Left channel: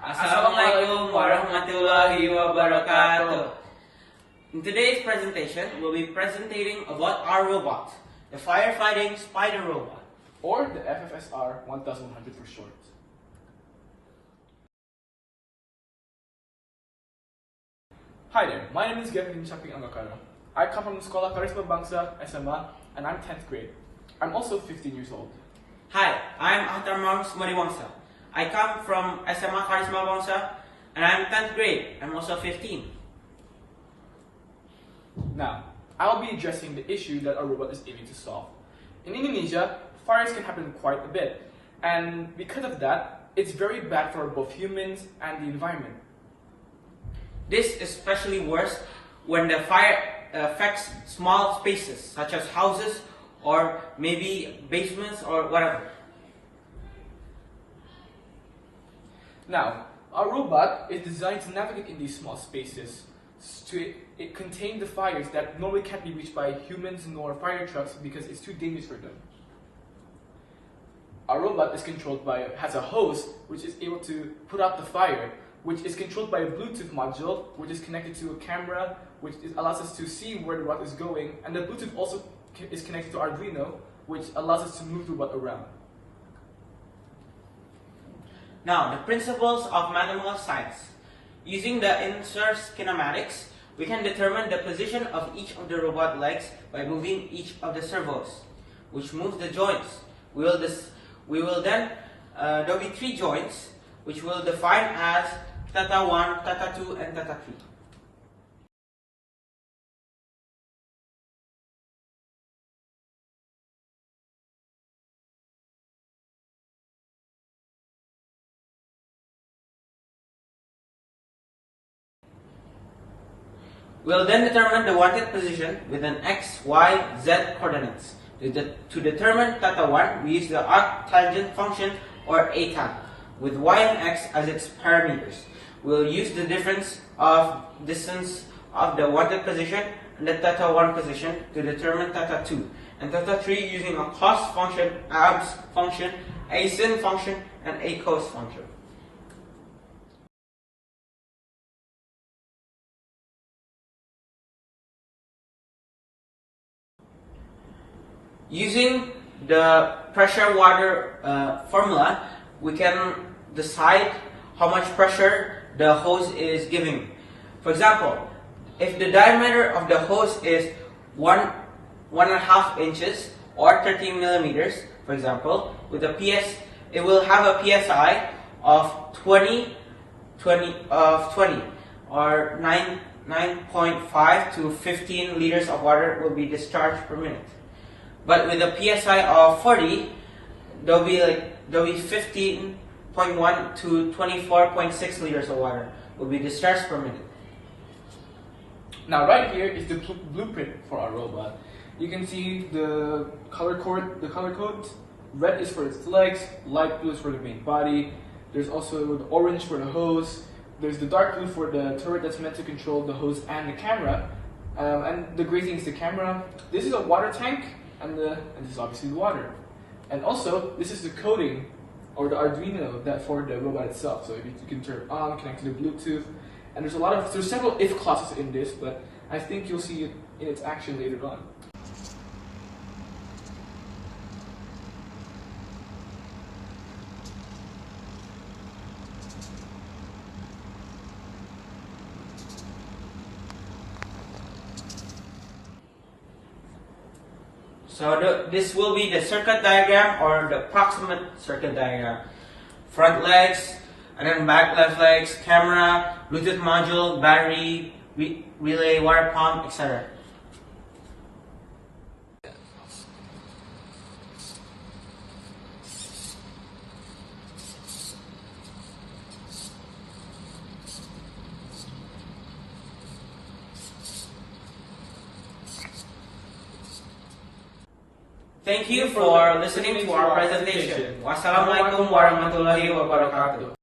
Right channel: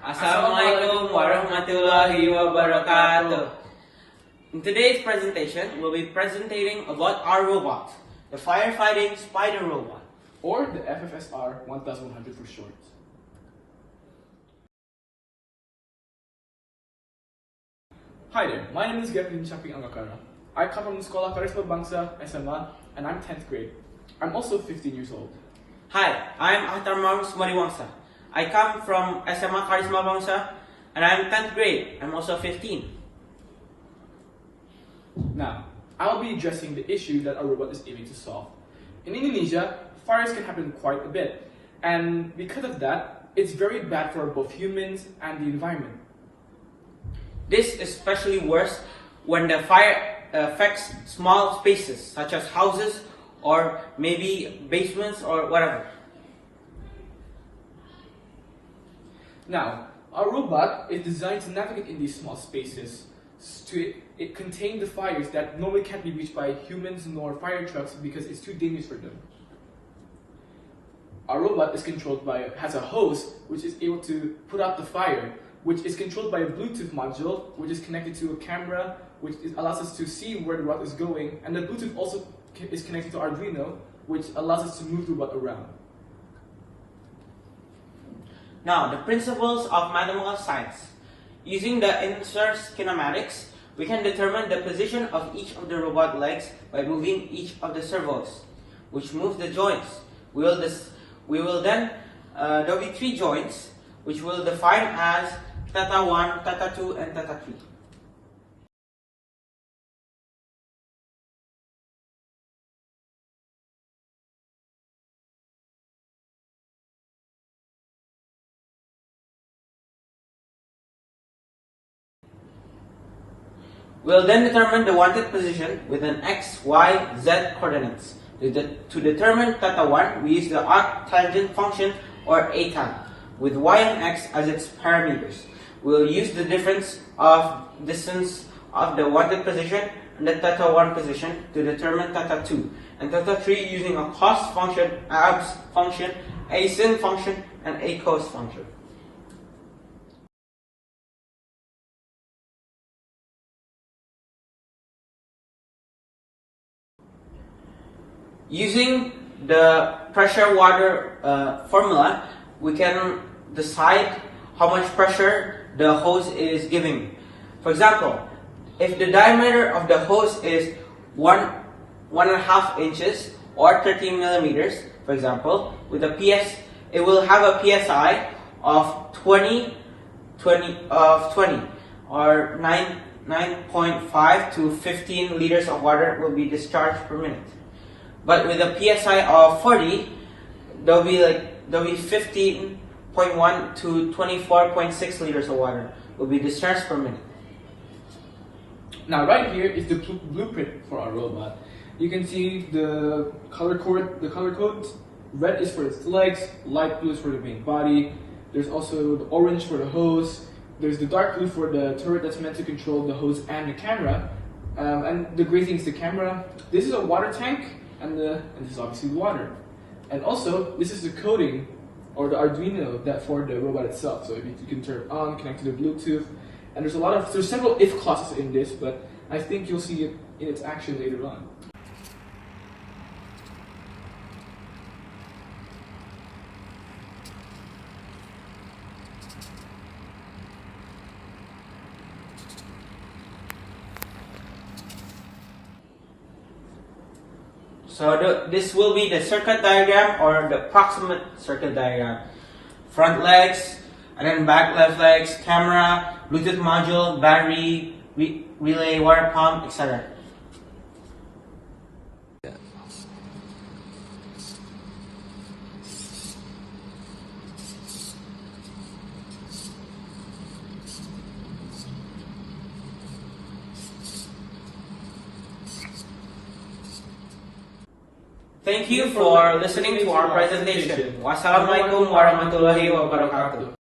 Assalamualaikum warahmatullahi wabarakatuh. In today's presentation, we'll be presenting about our robot, the firefighting spider robot, or the FFSR 1100 for short. Hi there, my name is Gavin Chapping Angakara. I come from the Sekolah Karisma Bangsa, SMA, and I'm 10th grade. I'm also 15 years old. Hi, I'm Ahtarmar Sumadiwangsa. I come from SMA Karisma Bangsa, and I'm 10th grade. I'm also 15. Now, I'll be addressing the issue that our robot is aiming to solve. In Indonesia, fires can happen quite a bit, and because of that, it's very bad for both humans and the environment. This is especially worse when the fire affects small spaces, such as houses or maybe basements or whatever. Now, our robot is designed to navigate in these small spaces to contain the fires that normally can't be reached by humans nor fire trucks because it's too dangerous for them. Our robot is has a hose which is able to put out the fire, which is controlled by a Bluetooth module, which is connected to a camera, which allows us to see where the robot is going, and the Bluetooth also is connected to Arduino, which allows us to move the robot around. Now, the principles of mathematical science. Using the inverse kinematics, we can determine the position of each of the robot legs by moving each of the servos, which moves the joints. There will be 3 joints, which we'll define as theta 1, theta 2, and theta 3. We'll then determine the wanted position with an x, y, z coordinates. To determine theta 1, we use the arctangent function or ATAG, with y and x as its parameters. We'll use the difference of distance of the wanted position and the theta 1 position to determine theta 2, and theta 3 using a cos function, abs function, a sin function, and a cos function. Using the pressure water formula, we can decide how much pressure the hose is giving. For example, if the diameter of the hose is 1.5 inches or 13 millimeters, for example, with a it will have a PSI of 20 or 9.5 to 15 liters of water will be discharged per minute. But with a PSI of 40, there'll be 15.1 to 24.6 liters of water will be discharged per minute. Now, right here is the blueprint for our robot. You can see the color codes. Red is for its legs, light blue is for the main body. There's also the orange for the hose. There's the dark blue for the turret that's meant to control the hose and the camera. And the gray thing is the camera. This is a water tank. And this is obviously the water. And also, this is the coding, or the Arduino, that for the robot itself. So you can turn it on, connect to the Bluetooth, and there's several if clauses in this, but I think you'll see it in its action later on. So this will be the circuit diagram or the approximate circuit diagram. Front legs, and then back left legs, camera, Bluetooth module, battery, relay, water pump, etc. Thank you for listening to our presentation. Wassalamualaikum warahmatullahi wabarakatuh.